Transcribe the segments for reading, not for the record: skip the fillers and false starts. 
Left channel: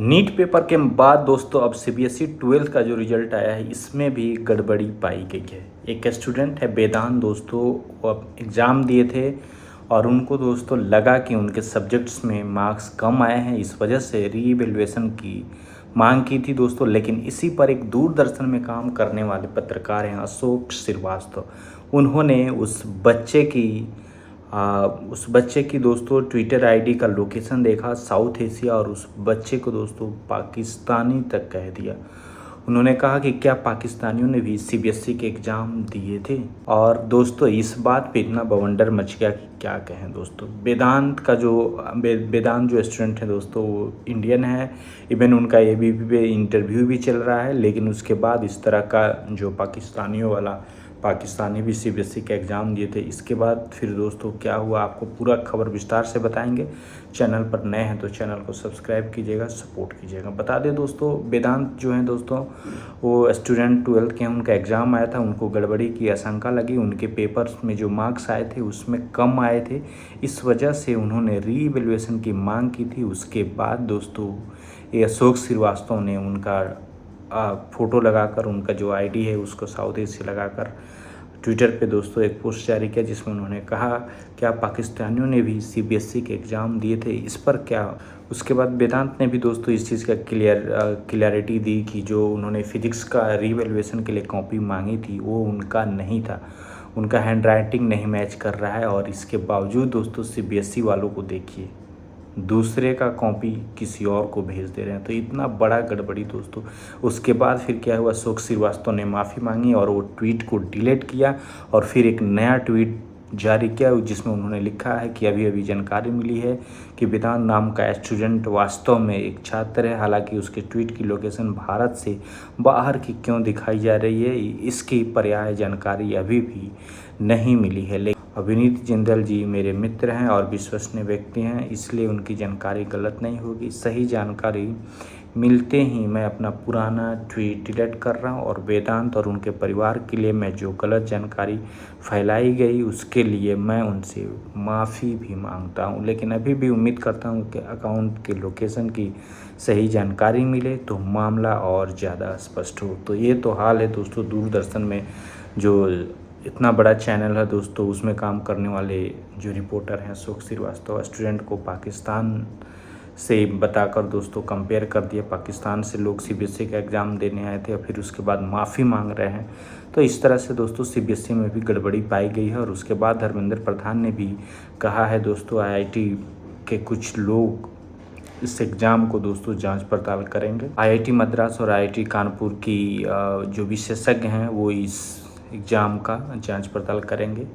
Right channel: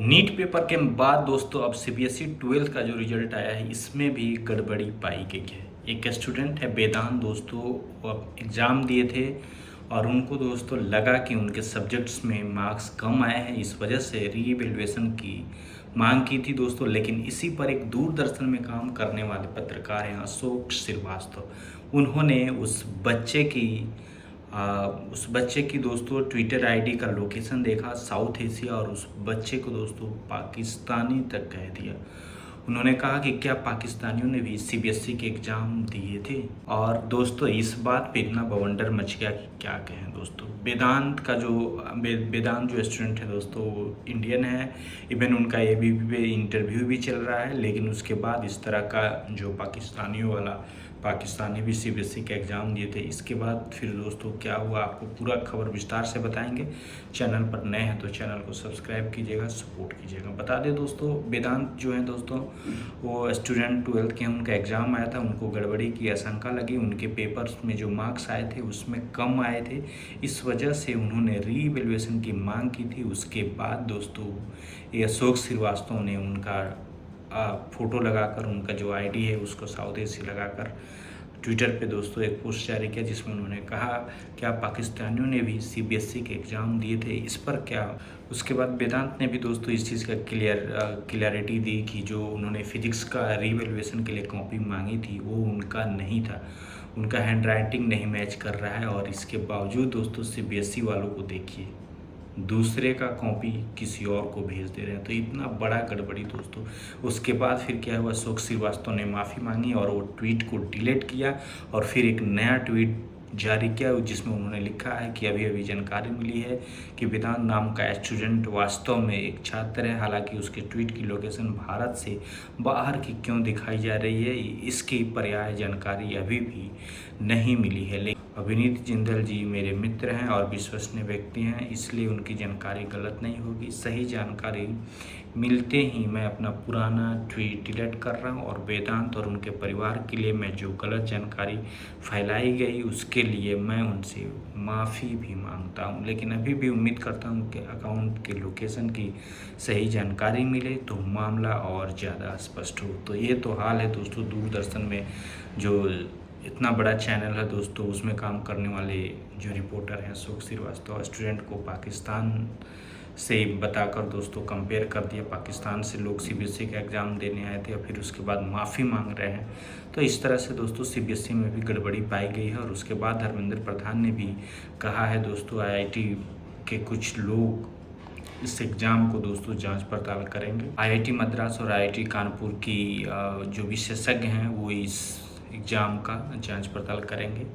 NEET paper के बाद दोस्तों अब सीबीएसई 12th का जो रिजल्ट आया है इसमें भी गड़बड़ी पाई गई है। एक स्टूडेंट है वेदांत दोस्तों, वो अब एग्ज़ाम दिए थे और उनको दोस्तों लगा कि उनके सब्जेक्ट्स में मार्क्स कम आए हैं, इस वजह से रीवैल्यूएशन की मांग की थी दोस्तों। लेकिन इसी पर एक दूरदर्शन में काम करने वाले पत्रकार हैं अशोक श्रीवास्तव, उन्होंने उस बच्चे की दोस्तों ट्विटर आईडी का लोकेशन देखा साउथ एशिया और उस बच्चे को दोस्तों पाकिस्तानी तक कह दिया। उन्होंने कहा कि क्या पाकिस्तानियों ने भी सीबीएसई के एग्ज़ाम दिए थे। और दोस्तों इस बात पे इतना बवंडर मच गया कि क्या कहें दोस्तों। वेदांत जो स्टूडेंट है दोस्तों वो इंडियन है, इवन उनका एबीपी पे इंटरव्यू भी चल रहा है। लेकिन उसके बाद इस तरह का जो पाकिस्तानी भी सीबीएसई का एग्ज़ाम दिए थे, इसके बाद फिर दोस्तों क्या हुआ आपको पूरा खबर विस्तार से बताएंगे। चैनल पर नए हैं तो चैनल को सब्सक्राइब कीजिएगा, सपोर्ट कीजिएगा। बता दें दोस्तों, वेदांत जो हैं दोस्तों वो स्टूडेंट 12th के हैं, उनका एग्ज़ाम आया था, उनको गड़बड़ी की आशंका लगी, उनके पेपर्स में जो मार्क्स आए थे उसमें कम आए थे, इस वजह से उन्होंने रीवैल्यूएशन की मांग की थी। उसके बाद दोस्तों ये अशोक श्रीवास्तव ने उनका फ़ोटो लगाकर, उनका जो आईडी है उसको साउथ एशिया लगाकर ट्विटर पे दोस्तों एक पोस्ट जारी किया, जिसमें उन्होंने कहा क्या पाकिस्तानियों ने भी सीबीएसई के एग्ज़ाम दिए थे, इस पर क्या। उसके बाद वेदांत ने भी दोस्तों इस चीज़ का क्लियरिटी दी कि जो उन्होंने फिजिक्स का रीवैल्यूएशन के लिए कॉपी मांगी थी वो उनका नहीं था, उनका हैंड राइटिंग नहीं मैच कर रहा है। और इसके बावजूद दोस्तों सीबीएसई वालों को देखिए, दूसरे का कॉपी किसी और को भेज दे रहे हैं, तो इतना बड़ा गड़बड़ी दोस्तों। उसके बाद फिर क्या हुआ, अशोक श्रीवास्तव ने माफ़ी मांगी और वो ट्वीट को डिलीट किया और फिर एक नया ट्वीट जारी किया जिसमें उन्होंने लिखा है कि अभी अभी जानकारी मिली है कि वेदांत नाम का स्टूडेंट वास्तव में एक छात्र है। हालांकि उसके ट्वीट की लोकेशन भारत से बाहर की क्यों दिखाई जा रही है, इसकी पर्याय जानकारी अभी भी नहीं मिली है। लेकिन अभिनीत जिंदल जी मेरे मित्र हैं और विश्वसनीय व्यक्ति हैं, इसलिए उनकी जानकारी गलत नहीं होगी। सही जानकारी मिलते ही मैं अपना पुराना ट्वीट डिलीट कर रहा हूं और वेदांत और उनके परिवार के लिए मैं जो गलत जानकारी फैलाई गई उसके लिए मैं उनसे माफ़ी भी मांगता हूं। लेकिन अभी भी उम्मीद करता हूं कि अकाउंट के लोकेशन की सही जानकारी मिले तो मामला और ज़्यादा स्पष्ट हो। तो ये तो हाल है दोस्तों, दूरदर्शन में जो इतना बड़ा चैनल है दोस्तों उसमें काम करने वाले जो रिपोर्टर हैं अशोक श्रीवास्तव, स्टूडेंट को पाकिस्तान से बताकर दोस्तों कंपेयर कर दिया। पाकिस्तान से लोग सीबीएसई का एग्ज़ाम देने आए थे और फिर उसके बाद माफ़ी मांग रहे हैं। तो इस तरह से दोस्तों सीबीएसई में भी गड़बड़ी पाई गई है। और उसके बाद धर्मेंद्र प्रधान ने भी कहा है दोस्तों आईआईटी के कुछ लोग इस एग्ज़ाम को दोस्तों जांच पड़ताल करेंगे। आईआईटी मद्रास और आईआईटी कानपुर की जो विशेषज्ञ हैं वो इस एग्ज़ाम का जांच पड़ताल करेंगे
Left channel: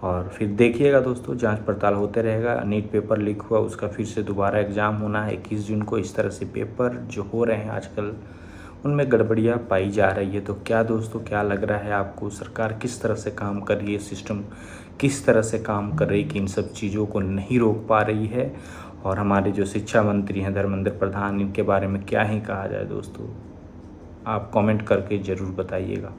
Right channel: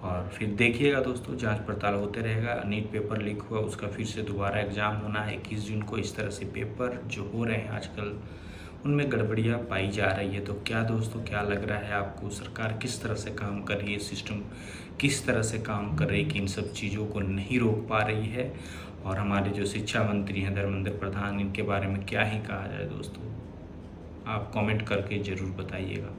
और फिर देखिएगा दोस्तों, जांच पड़ताल होते रहेगा। नीट पेपर लीक हुआ, उसका फिर से दोबारा एग्ज़ाम होना है 21 जून को। इस तरह से पेपर जो हो रहे हैं आजकल उनमें गड़बड़ियाँ पाई जा रही है। तो क्या दोस्तों, क्या लग रहा है आपको, सरकार किस तरह से काम कर रही है, सिस्टम किस तरह से काम कर रही है कि इन सब चीज़ों को नहीं रोक पा रही है। और हमारे जो शिक्षा मंत्री हैं धर्मेंद्र प्रधान, इनके बारे में क्या ही कहा जाए दोस्तों, आप कमेंट करके ज़रूर बताइएगा।